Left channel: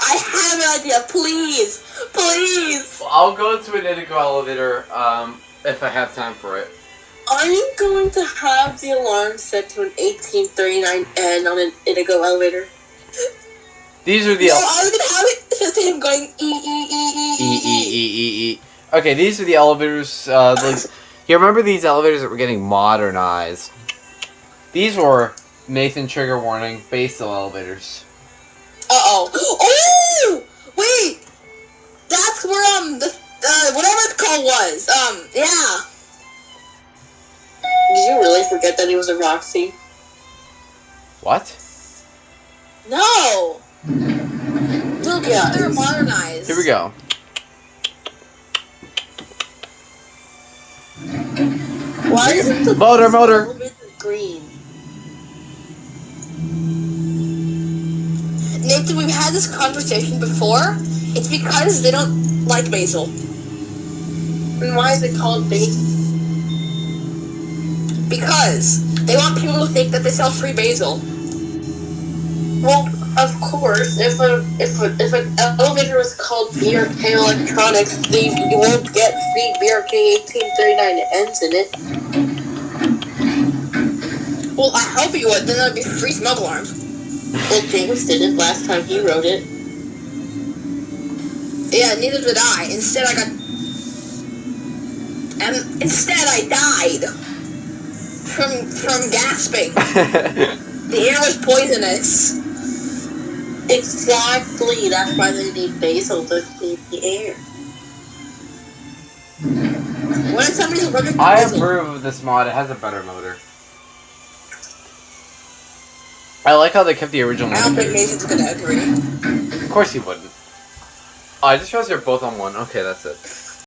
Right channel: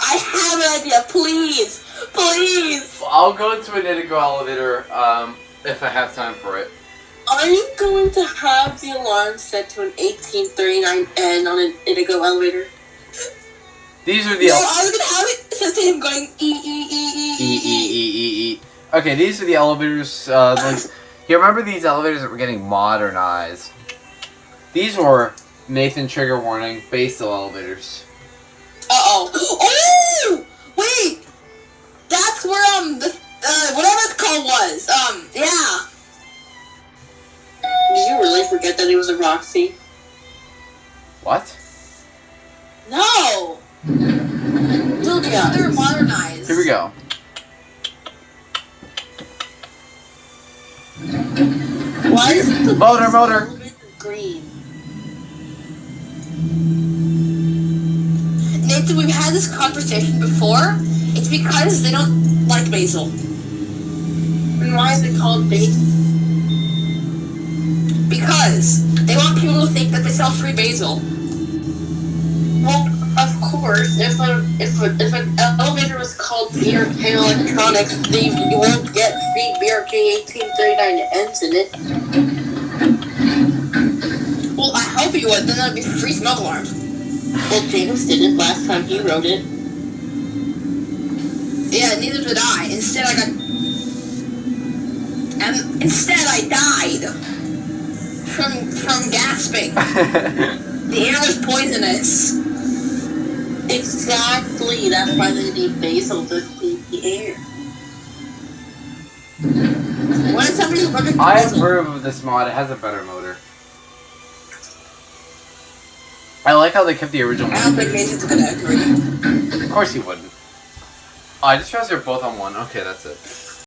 I have an idea. Please. Please. Well, I'll go to an Indigo elevator if I have time for it. Are you going to have the alarm set to an 1839 end on an Indigo elevator? These are the... No, I was going to have it set to him going E. Okay, these are the elevators. You remember these elevators that were getting modernized? These were Nathan trigger warning Basil elevators. Uh-oh. Oh! Wait! That's where, whatever it's called was. Yeah. Did you really forget that it was a Roxy? What? No! Look, yeah, they're modernized. Here we go. Why is it the motor green? Nathan, we've had this conversation before. It's because they don't like Basil. And why is it called Basil? Because they want people to think that they sell free basil. Well, of course, if an elevator was called BRK Electronics, then you won't get free BRK 1839 ends in it. Well, I hope you would. Then that'd be free smoke alarms. Well, James did it last time he wrote it. Yeah, neither did I. Instead, I died. From gasping. The air was poisonous. Exactly. That's why they need basil to clean the air. What if somebody's allergic to I basil? approve of this mod. It has a better motor. I like how they kept the original. I don't think Mason's gonna agree. Of course he wouldn't. Oh, I just realized they're both on one. Okay, that's it.